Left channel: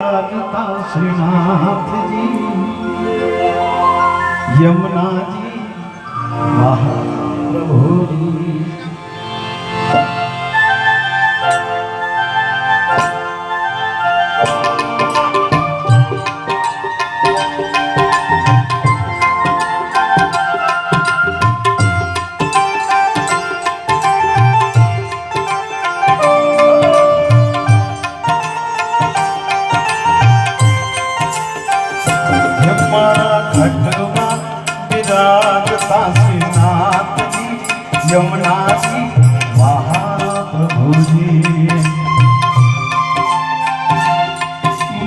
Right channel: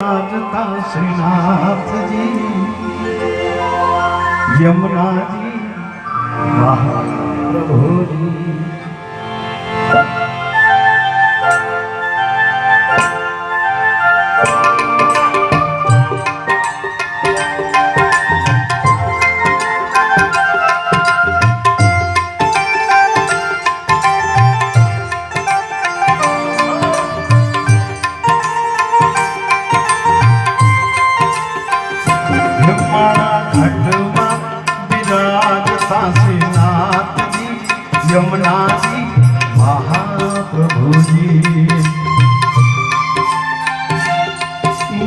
राजता श्रीनाथ जी यमुना जी महाप्रभु जी। यमुना जी महाप्रभु जी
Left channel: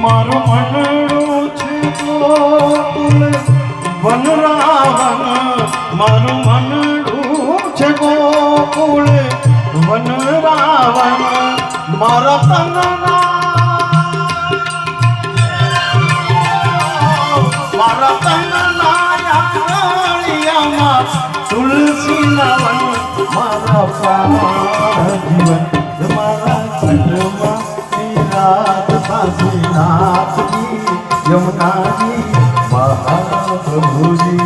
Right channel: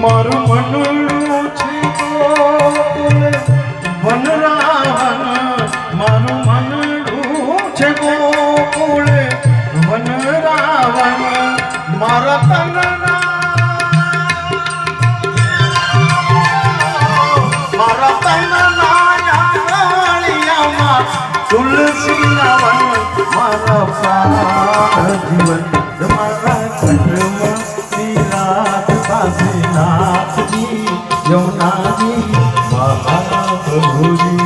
मारू मनडू छे गोकुल वन रावण मारू मनडू छे गोकुल वन रावण मारा तनना तुलसी नवन माता जीवन तुम्हारा खंडवा रात काशीनाथ जी यमुना जी महाप्रभु जी।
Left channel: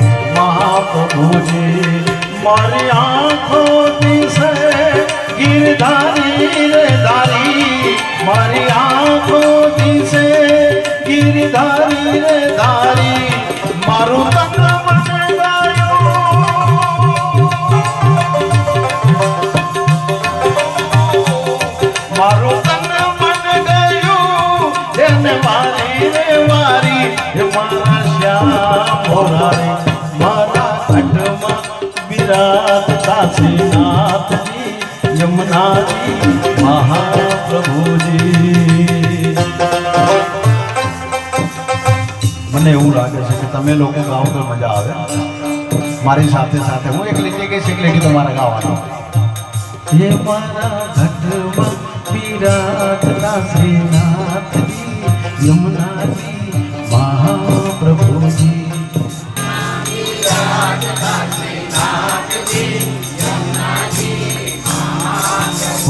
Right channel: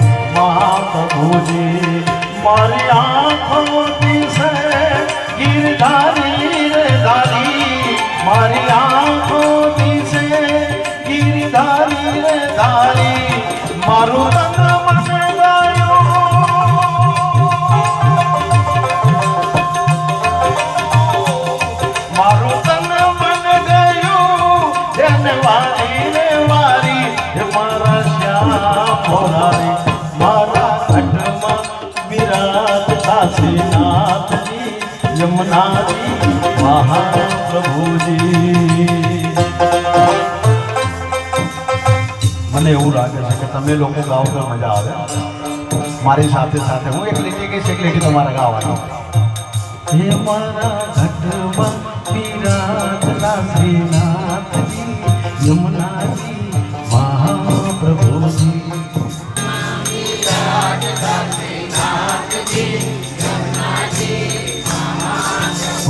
महाप्रभु जी मारी आँखों से गिरधारी रे धारी मारी आँखों से गिरधारी रे धारी मारू तन मन गयो मारू तन मन गयो जन मारी रे मारी मारा श्याम भोला रे काशीनाथ जी यमुना जी महाप्रभु जी। મને એવું લાગે છે કે તમે લોકો ગાવ તો મજા આવે મારી સાથે સાથે હું એક લીટી કહીશ એક લીટી તમારે ગાવાની હે મારા ઘટમાં વિરાજતા શ્રીનાથજી યમુનાજી Mahaprabhuji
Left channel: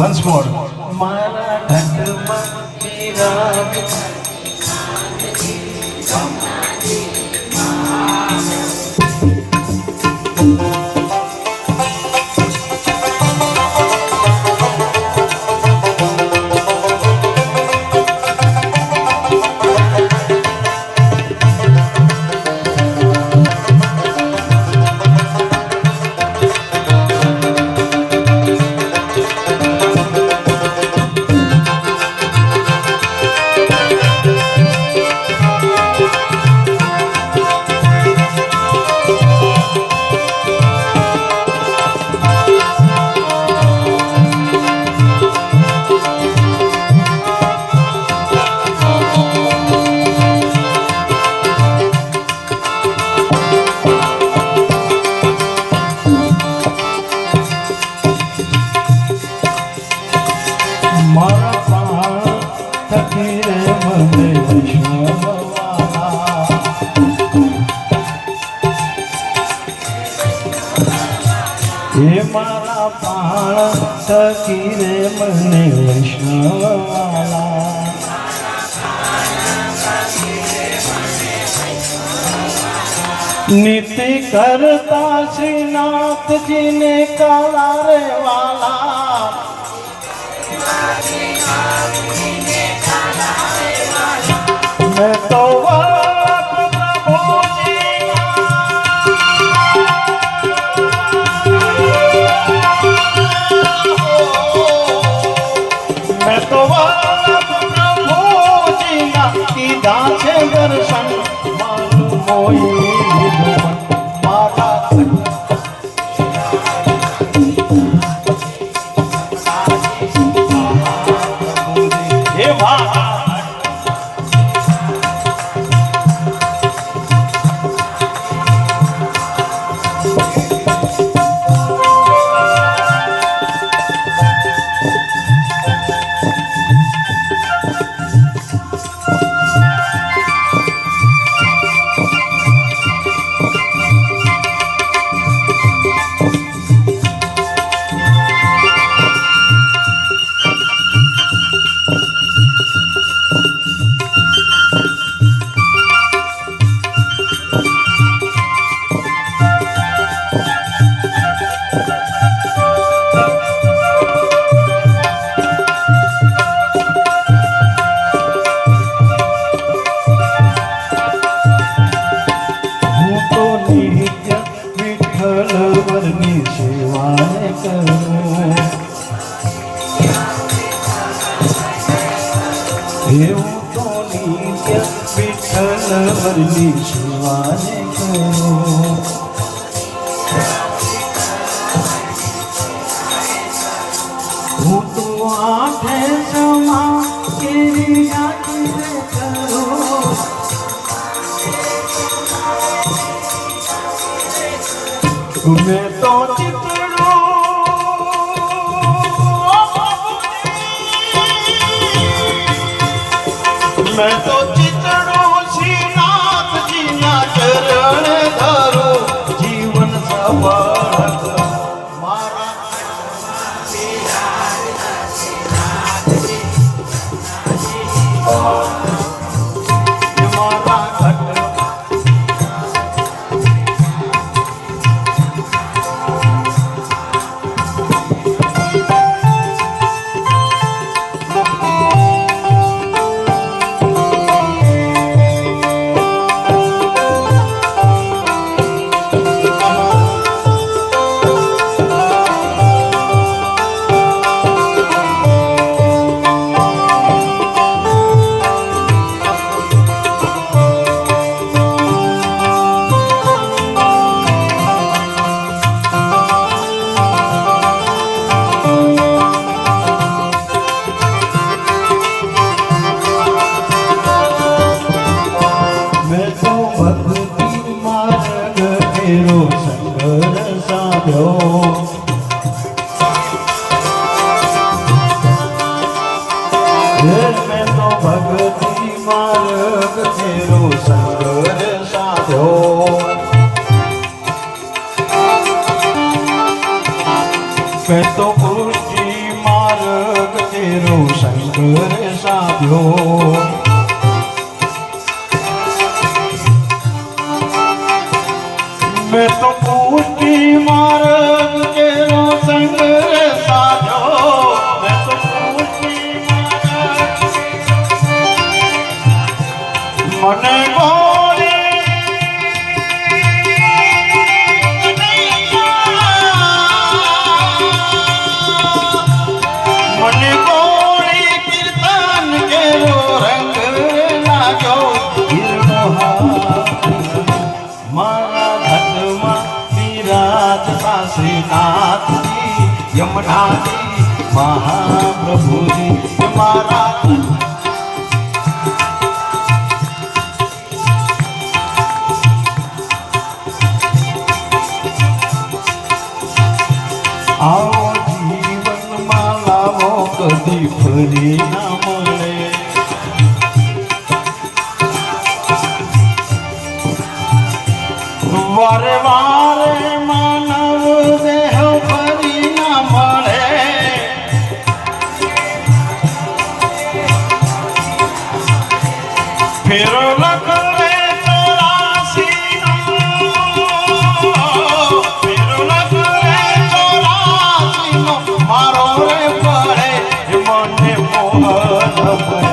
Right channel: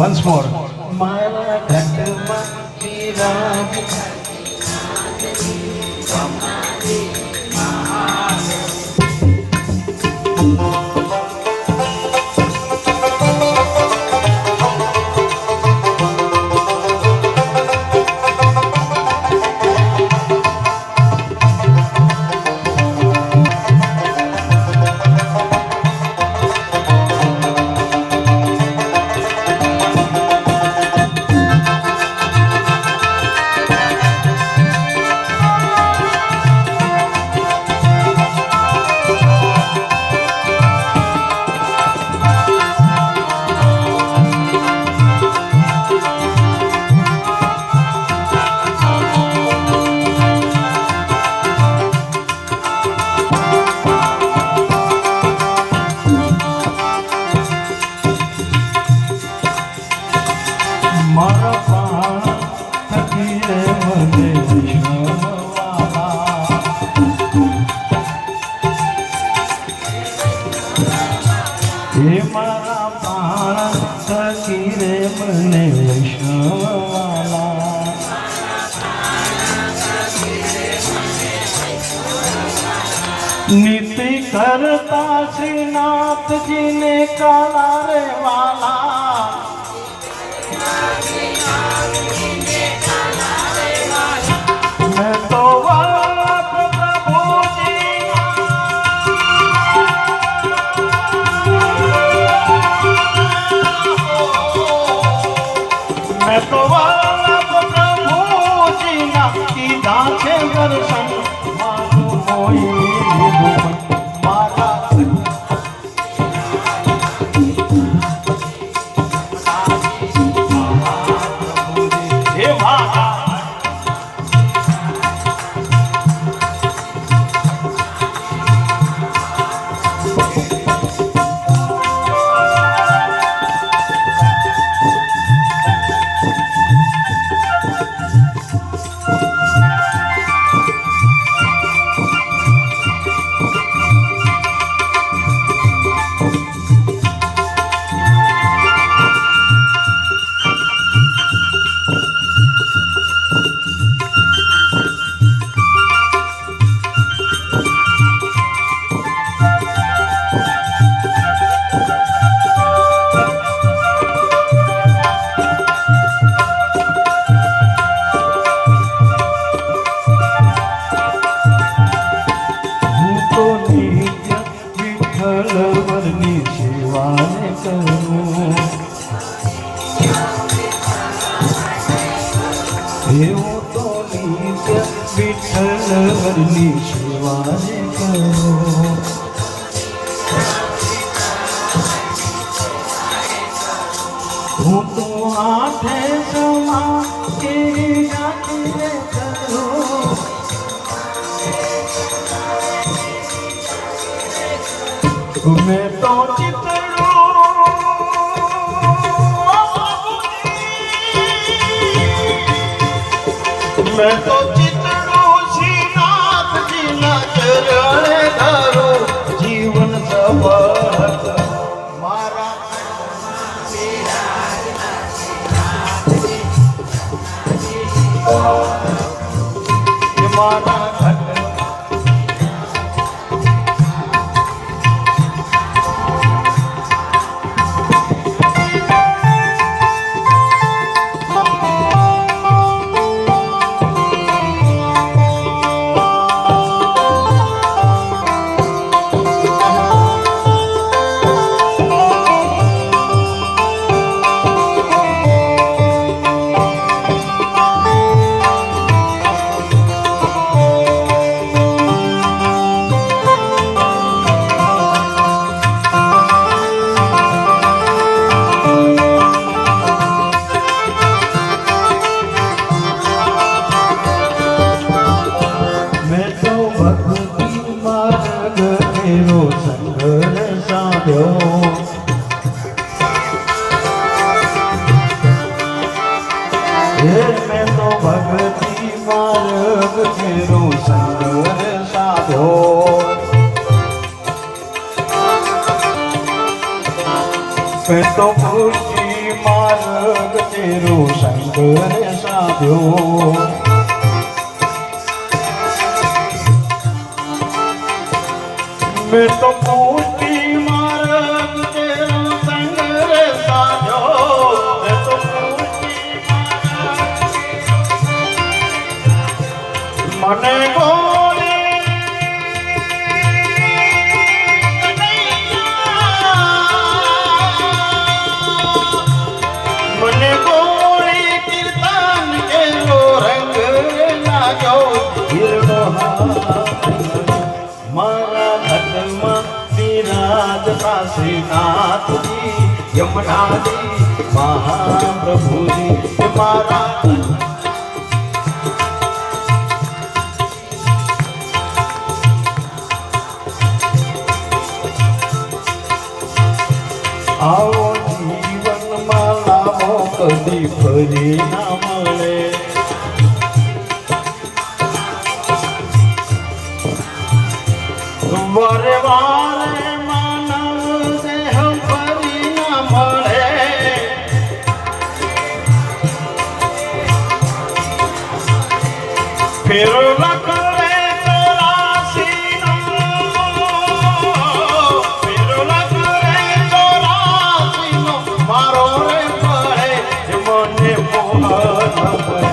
once more mara dhandma virat हे मारा प्राण सखी रे मने वैष्णववाला नीति करता श्रीनाथ जी ने काला रे वाला मैं तो છે દર્શન મારું મોઈ વરની સેવાને કરો હું તો આઠે સમા કેરી નાખી કરો મેં તો ચિતડો મેં તો ચિતડો શ્રીનાથજીના ચરણે ધરો જીવન સફળ મારા મારા ઘટ મેં તો ભગતી માર્ગ તેરો સંગર સાધ્યો મેં તો પુષ્ટિ માર્ગ તેરો સંગર સાધ્યો મેં તો પુષ્ટિ માર્ગ તેરો સંગર સાધ્યો મેં તો પુષ્ટિ મને ગોળી મને ગોળી કીર્તન કેરો રંગ લાગ્યો મારા ઘટમાં વિરાજતા શ્રીનાથજી યમુનાજી મહાપ્રભુજી મારા આવો જીવનમાં લાવો કદી ફરી ના મળે વારે વારે માનવ દેહ ફરી ના મળે ફેરો લખરે ચોરાસી ફેરો લખરે ચોરાસી મારો રે પડે મને મોહન પડે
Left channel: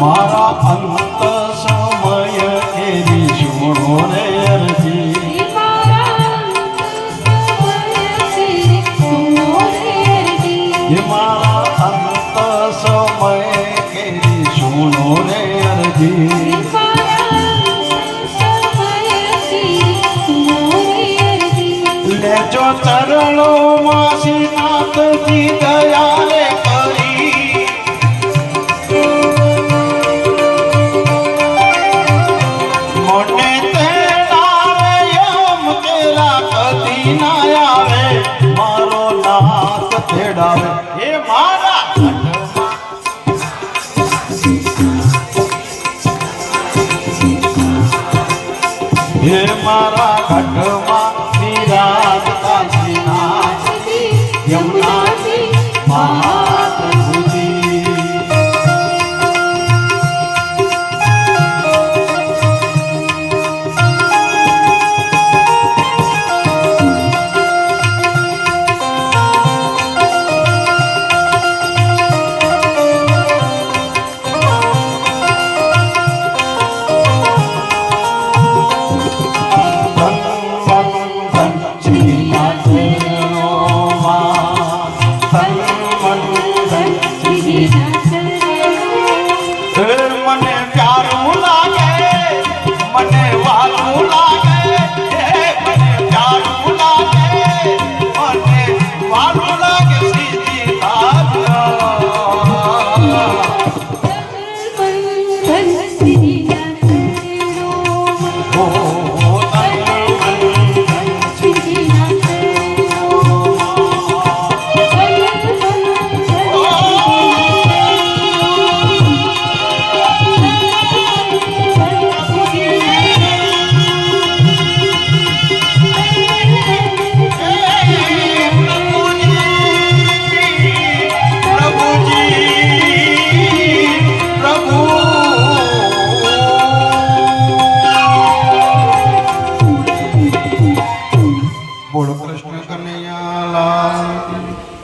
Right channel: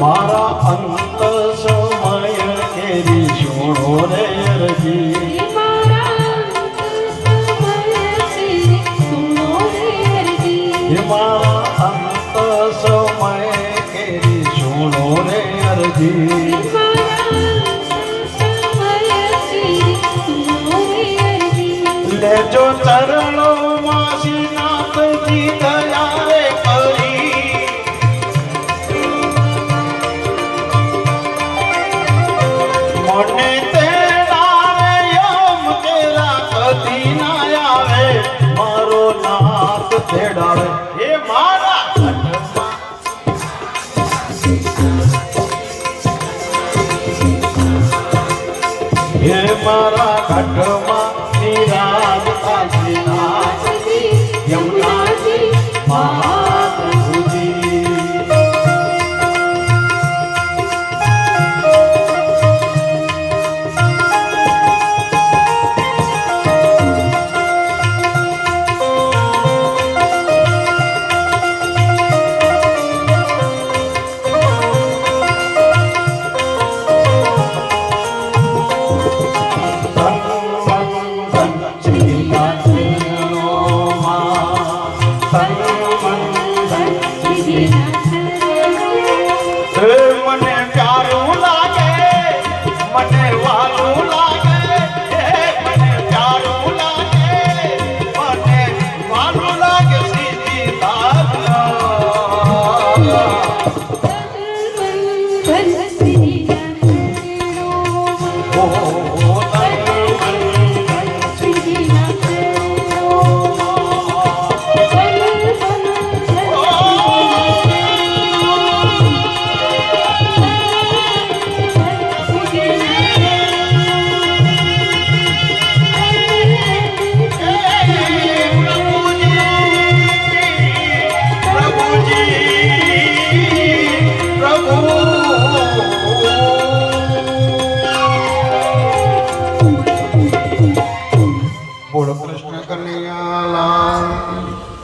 મારા અંત સમય કેરી સુણો રે અરજી મારા અંત સમય કેરી સુણો રે અરજી લેજો ચરણોમાં શ્રીનાથજી દયા રે કરી મને તેડાવે યમ તેરા કદી ના આવે મારો નાથ તેડાવે એ મારા હે મારા ઘટમાં વિરાજતા શ્રીનાથજી યમુના